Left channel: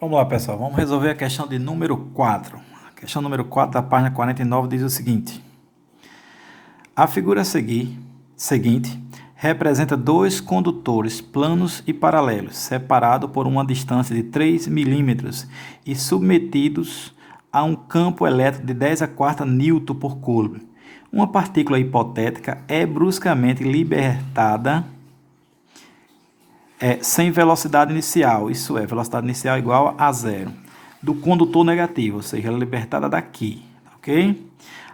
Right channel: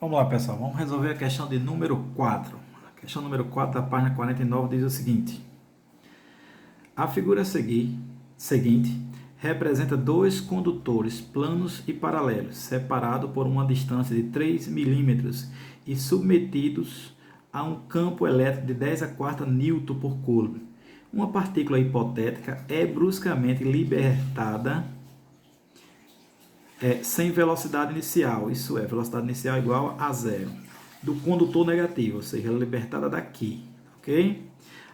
Vamos lá, pessoal. Vamos resolver a questão de número 4. A questão número 4 da página 49 diz o seguinte. A figura seguinte representa dois condutores planos e paralelos, separados por uma distância de 3 milímetros e submetidos a um campo elétrico de 10 a quarta newton por coulomb. Uma partícula hipotética é bruscamente libertada sem velocidade inicial, isso é, velocidade inicial igual a zero, do condutor negativo, ou seja, ela é libertada daqui, ok?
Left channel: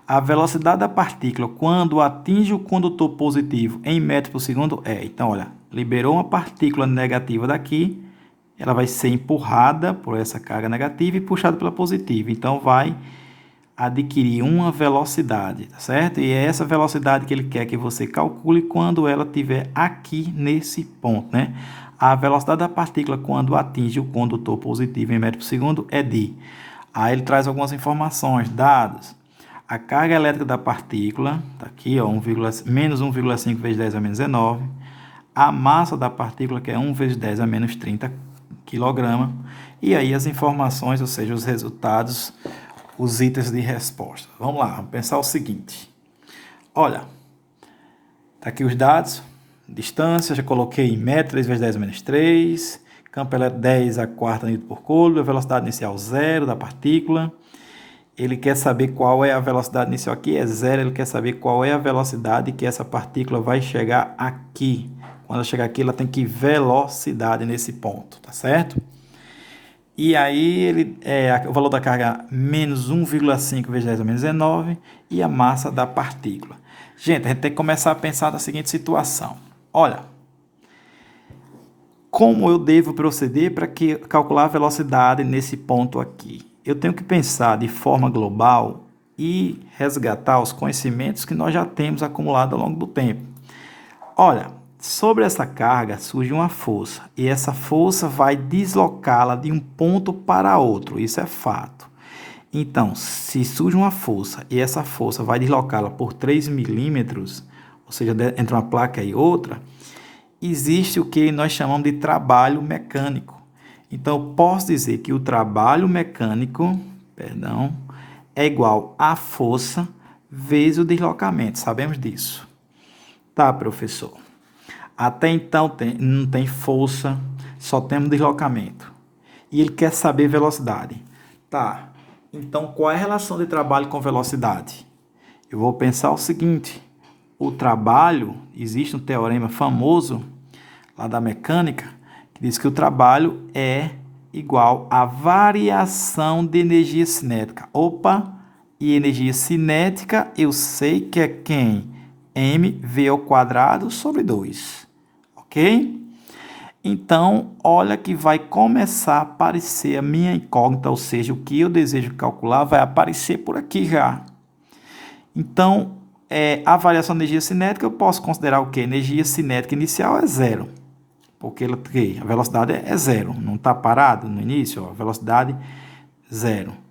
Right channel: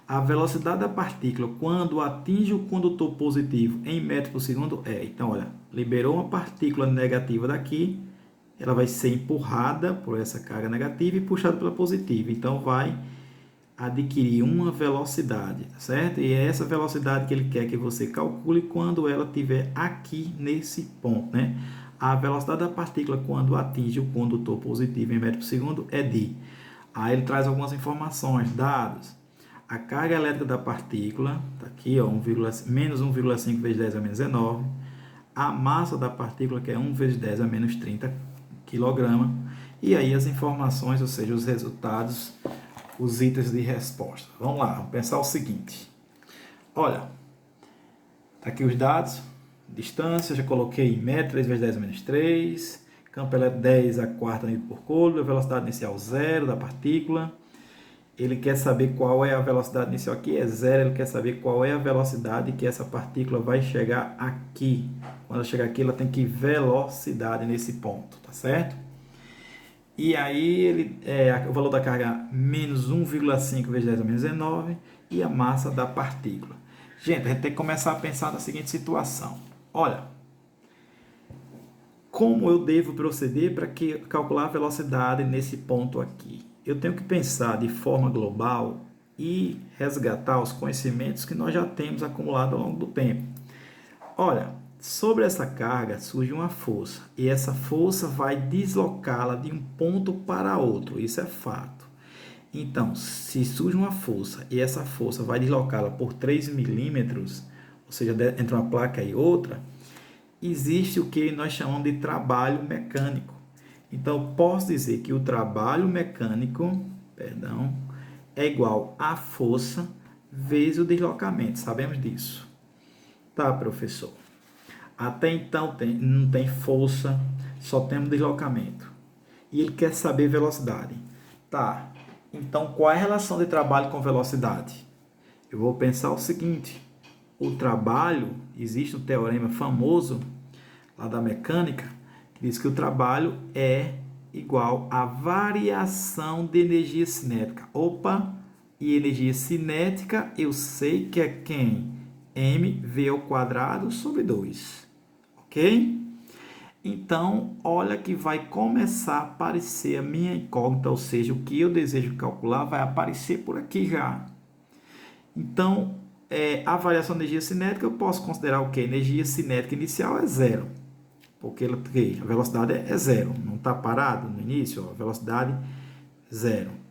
A velocidade da partícula quando atinge o condutor positivo em metros por segundo então, olha, liberou uma partícula negativa daqui, ela vai ser empurrada por essa carga negativa e puxada pela positiva, então vai adquirir uma velocidade, tá certo? E é essa velocidade que ele quer que você calcule quando ela estiver aqui nesse ponto, né? A velocidade da partícula quando atinge o condutor positivo em metro por segundo é de... Aí ele traz algumas informações, dados. A carga elétrica da partícula, tá aqui, ó, menos 1,5 vezes 10 a menos 19. A massa da partícula, que é 1 vezes 10 a menos 30 kg. E aí as informações, ou seja, os resultados, os itens de resposta. Vamos lá, vamos pensar o seguinte. Olha, tá aqui os dados, distância, já coloquei em metro, 3 vezes 10 a menos 3, campo elétrico 10 a quarta newton por coulomb, a velocidade inicial 0 da partícula. Ele quer saber qual é a velocidade inicial aqui, é 0, ele quer saber qual é a velocidade que essa partícula vai chegar aqui. Quando ela chegar aqui, ela tem que ir velocidade nesse ponto, tá certo? E aí o valor da carga menos 1,5 vezes 10 a menos 19 e a massa da partícula. Gente, a gente tem que começar a pensar na seguinte situação. Olha, como eu devo proceder para calcular a velocidade nesse ponto aqui? Eu tenho que pensar de forma global e resgatar os conhecimentos que nós já temos acumulado ao longo do tempo. Olha, sobre essa carga surge uma força e essa força vai deslocá-la de um ponto para outro, isso é fato. Então, se surge uma força e essa força vai deslocá-la por 3 milímetros, ou seja, entre uma placa e outra, existe o que nós chamamos de trabalho mecânico. Então, eu posso dizer que o trabalho mecânico, é igual à força vezes o deslocamento. Sabemos disso. Tá, professor. Até então não tem força, só temos deslocamento. E ele quer saber velocidade. Tá. Então, qual é a relação de trabalho com velocidade? Eu vou pensar o seguinte: o trabalho, existe um teorema famoso lá da mecânica, que diz que o trabalho é igual à variação de energia cinética. Opa, e energia cinética eu sei que é quem? mv ao quadrado sobre 2, ok? Então, olha que vai começar a aparecer a minha incógnita, ou seja, o que eu desejo calcular vai aparecer por aqui já. Então, a variação de energia cinética eu posso considerar o que? Energia cinética inicial é zero, porque a velocidade é zero, não está parado no início, ó, velocidade zero.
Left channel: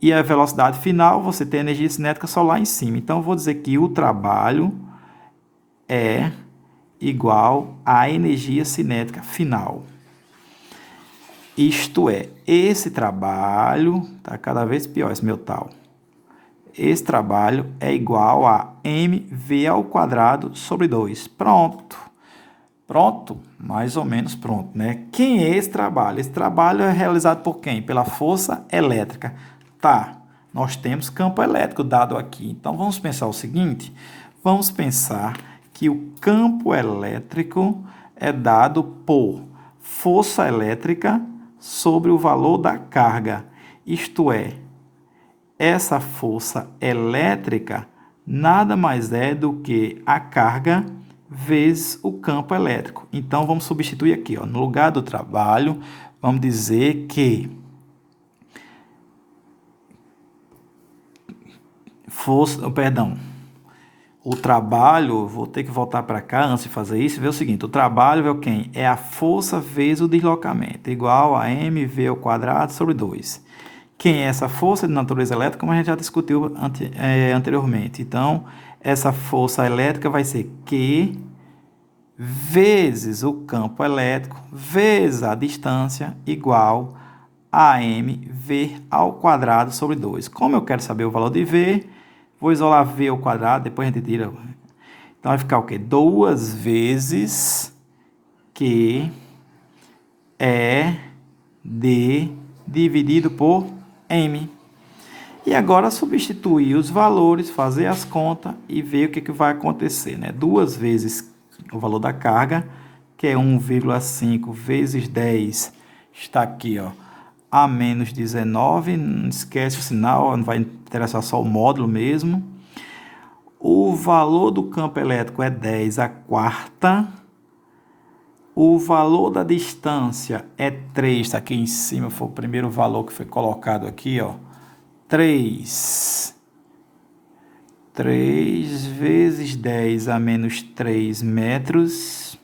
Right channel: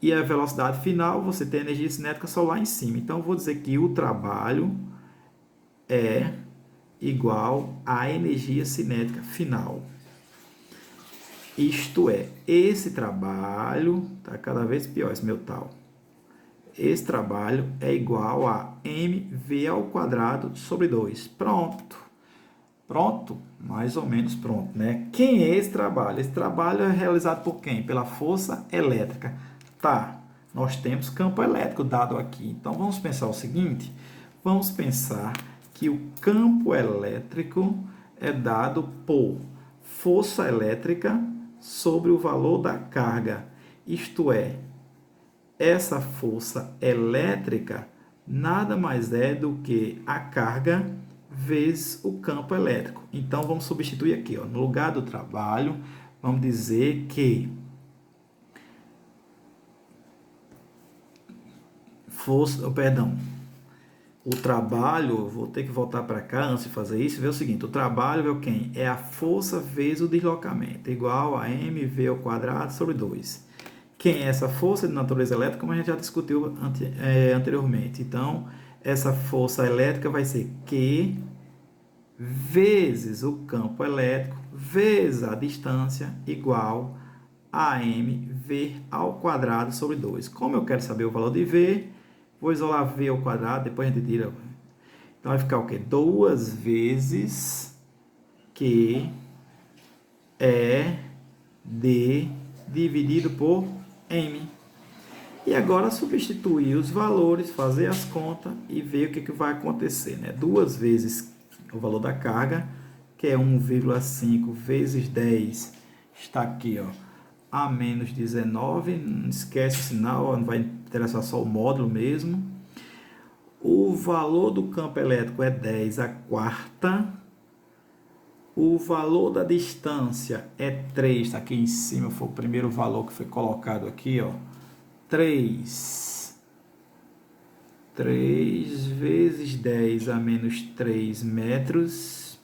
E a velocidade final, você tem a energia cinética só lá em cima. Então, eu vou dizer que o trabalho é igual à energia cinética final. Isto é, esse trabalho, está cada vez pior esse meu tal. Esse trabalho é igual a mv ao quadrado sobre 2. Pronto. Pronto? Mais ou menos pronto, né? Quem é esse trabalho? Esse trabalho é realizado por quem? Pela força elétrica. Tá, nós temos campo elétrico dado aqui. Então, vamos pensar o seguinte. Vamos pensar que o campo elétrico é dado por força elétrica sobre o valor da carga. Isto é, essa força elétrica nada mais é do que a carga vezes o campo elétrico. Então, vamos substituir aqui, ó, no lugar do trabalho, vamos dizer que o trabalho, vou ter que voltar para cá antes de fazer isso, ver o seguinte, o trabalho é o quem? É a força vezes o deslocamento, igual a mv ao quadrado sobre 2. Quem é essa força de natureza elétrica, como a gente já discutiu anteriormente. Então, essa força elétrica vai ser Q vezes o campo elétrico vezes a distância igual a m v ao quadrado sobre 2. Como eu quero saber o valor de v, vou isolar v ao quadrado, depois a gente tira. Então vai ficar o quê? 2 vezes Q é D dividido por M. E agora substituir os valores, fazer as contas e ver o que vai acontecer, né? 2 vezes o valor da carga, que é 1,5 vezes 10, está aqui, ó, a menos 19, não esquece o sinal, não vai interessar só o módulo mesmo. O valor do campo elétrico é 10 a quarta. O valor da distância é 3, está aqui em cima, foi o primeiro valor que foi colocado aqui, ó. 3 vezes 10 a menos 3 metros,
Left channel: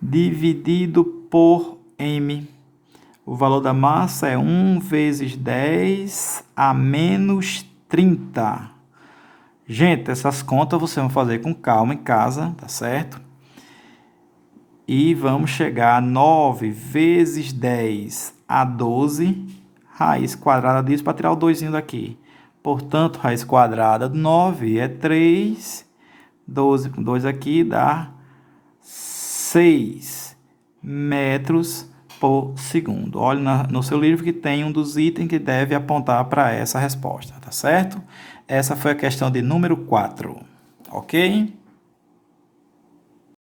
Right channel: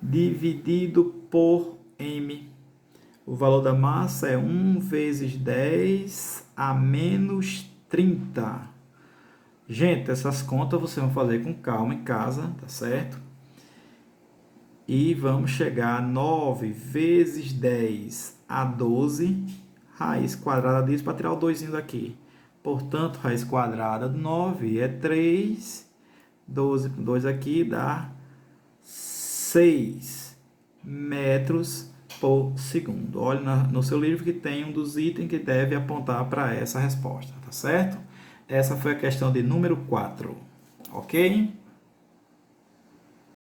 dividido por m. O valor da massa é 1 vezes 10 a menos 30. Gente, essas contas vocês vão fazer com calma em casa, tá certo? E vamos chegar a 9 vezes 10 a 12, raiz quadrada disso, para tirar o 2 daqui. Portanto, raiz quadrada de 9 é 3, 12 com 2 aqui dá 6 metros por segundo. Olhe no seu livro que tem um dos itens que deve apontar para essa resposta, tá certo? Essa foi a questão de número 4, ok?